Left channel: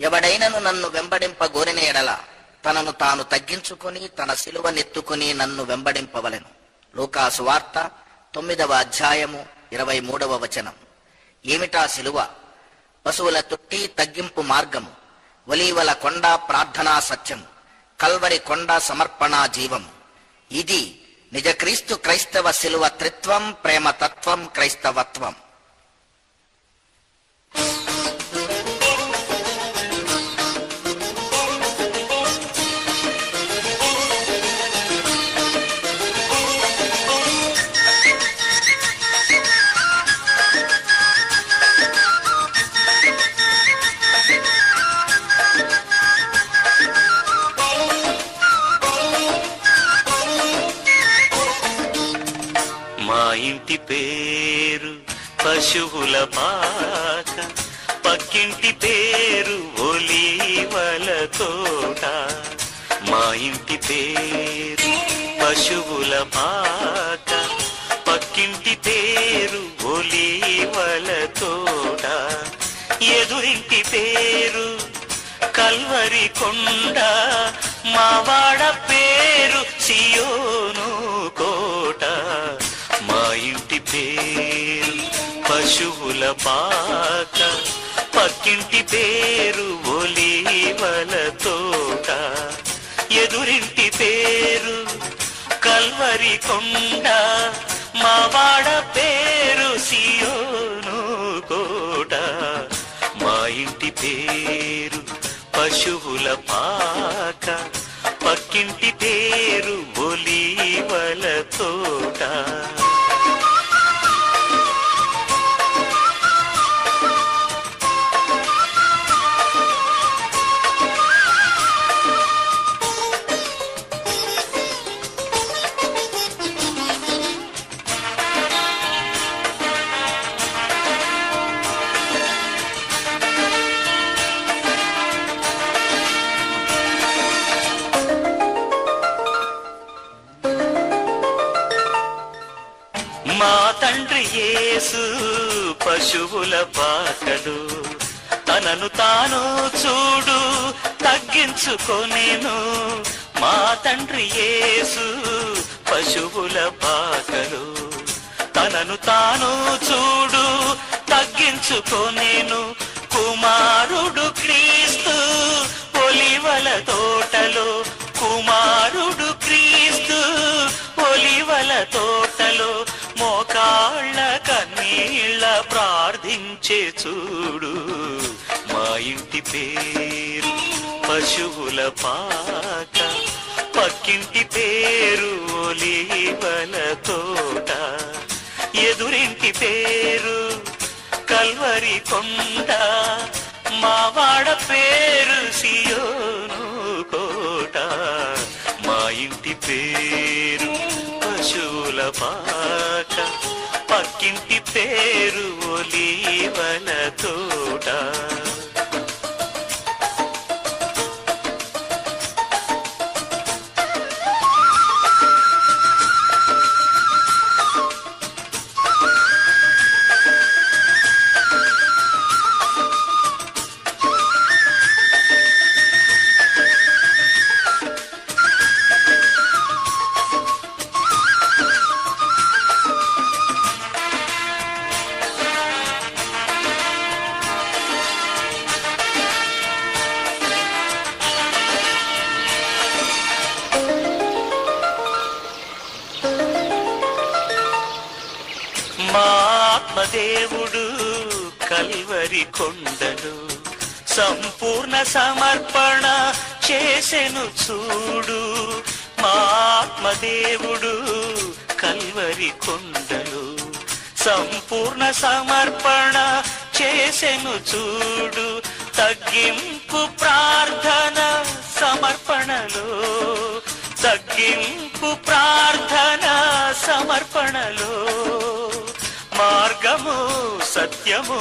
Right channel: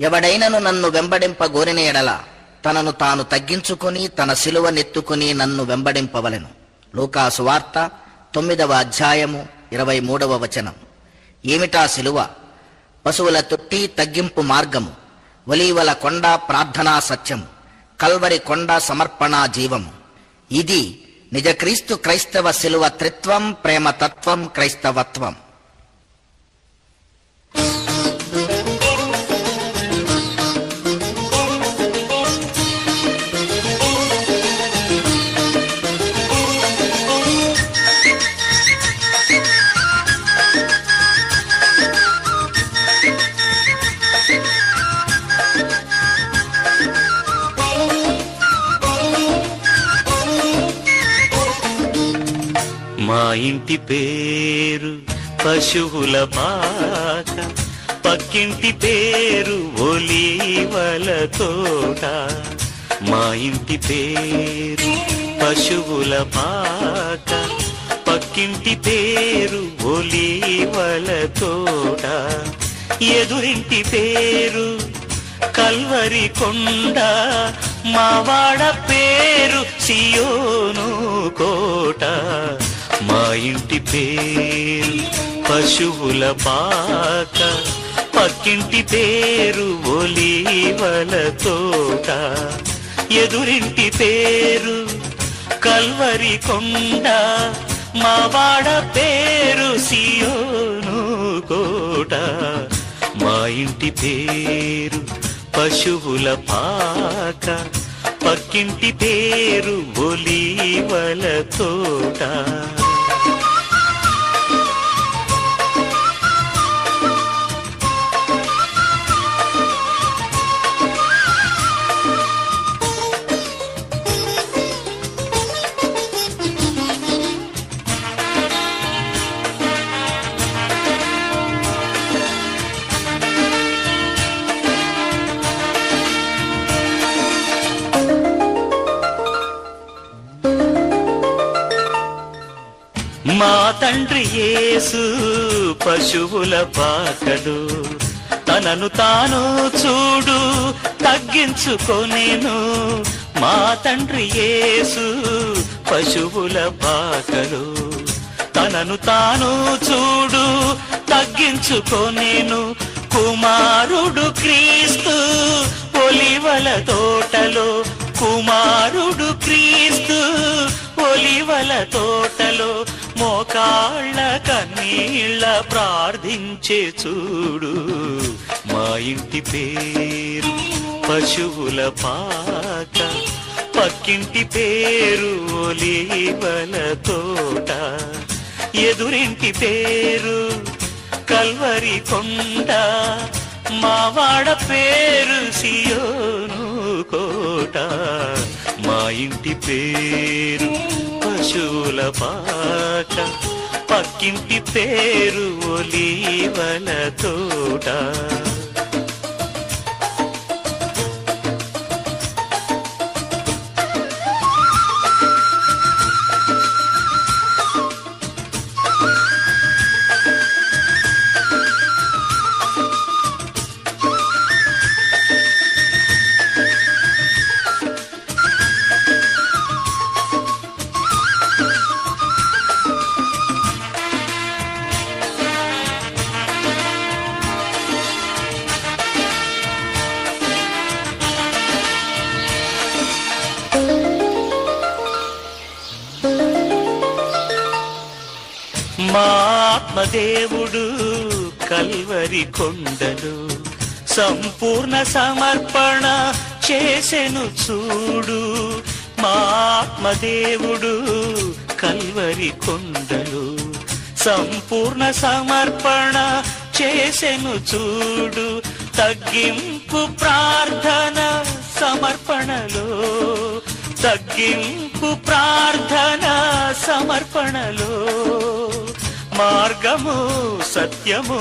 ఎవడైనను నన్ను వెంబడింపగోరిన ఎడల తనను తాను తగ్గించుకొని తన సిలువనెత్తుకుని నన్ను వెంబడింపవలెను. లూకా సువార్త 9వ అధ్యాయము 23వ వచనం. ఏమిటా సిలువ? పశువుల తొట్టి తగ్గింపు మార్గము, ఒలీవల కొండ ప్రార్థనా సత్యము, కల్వరి కొండ సమర్పణా జీవము. ఇది నిజ క్రీస్తు క్రైస్తవ సిలువ త్రిత్వం, ప్రేమతత్వం, క్రైస్తవత్వం. మా ఇంటి పేరు పశువుల పాక, పక్కింటి పేరు ఒలీవల తోట. మా ఇంటి పేరు పశువుల పాక, పక్కింటి పేరు ఒలీవల తోట. ఎదురింటి పేరు కల్వరి కొండ, మావాడ పేరు సియోను కోట. మా ఇంటి పేరు పశువుల పాక, పక్కింటి పేరు ఒలీవల తోట. ఎదురింటి పేరు కల్వరి కొండ, మావాడ పేరు సియోను కోట. మా ఇంటి పేరు పశువుల పాక, పక్కింటి పేరు ఒలీవల తోట. మా తండ్రి యేసు పశువుల పాకడు, తనను తాను చూడు తగ్గించుకొనెను. మా తండ్రి యేసు పశువుల పాకడు, తనను తాను చూడు తగ్గించుకొనెను. కుమారుడు క్రీస్తు ఒలీవల తోటలో, కుమారుడు క్రీస్తు ఒలీవల తోటలో. మోకాళ్ళ కన్నీళ్ళ ప్రార్థించే చూడు. మా ఇంటి పేరు పశువుల పాక, పక్కింటి పేరు ఒలీవల తోట. ఎదురింటి పేరు కల్వరి కొండ, మావాడ పేరు సియోను కోట. మా ఇంటి పేరు పశువుల పాక, పక్కింటి పేరు ఒలీవల తోట. మా ఆత్మదేవుడు కల్వరి కొండలు సంపూర్ణ సమర్పణ చేసెను చూడు. మా ఆత్మదేవుడు కల్వరి కొండలు సంపూర్ణ సమర్పణ చేసెను చూడు. తగ్గింపు ప్రార్థన సమర్పణలో, తగ్గింపు ప్రార్థన సమర్పణలో. మార్గము సత్యము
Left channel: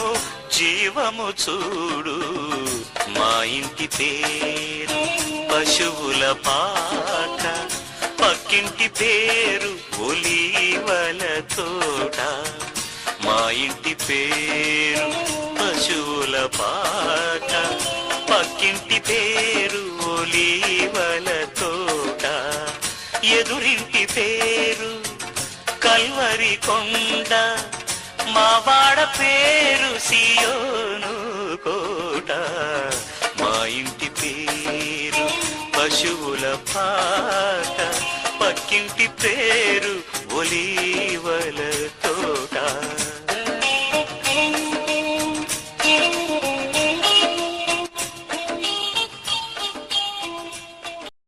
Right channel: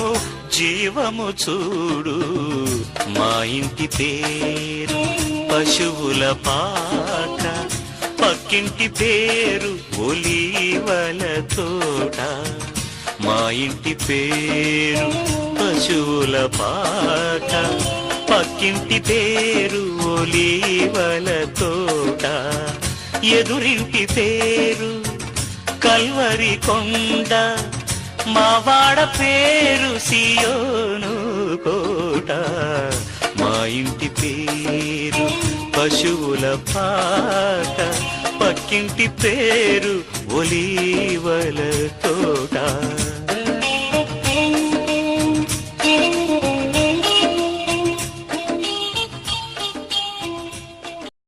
జీవము చూడు. మా ఇంటి పేరు పశువుల పాక, పక్కింటి పేరు ఒలీవల తోట. మా ఇంటి పేరు పశువుల పాక, పక్కింటి పేరు ఒలీవల తోట, ఎదురింటి పేరు కల్వరి కొండ, మావాడ పేరు సియోను కోట. మా ఇంటి పేరు పశువుల పాట, పక్కింటి పేరు ఒలీవల తోట.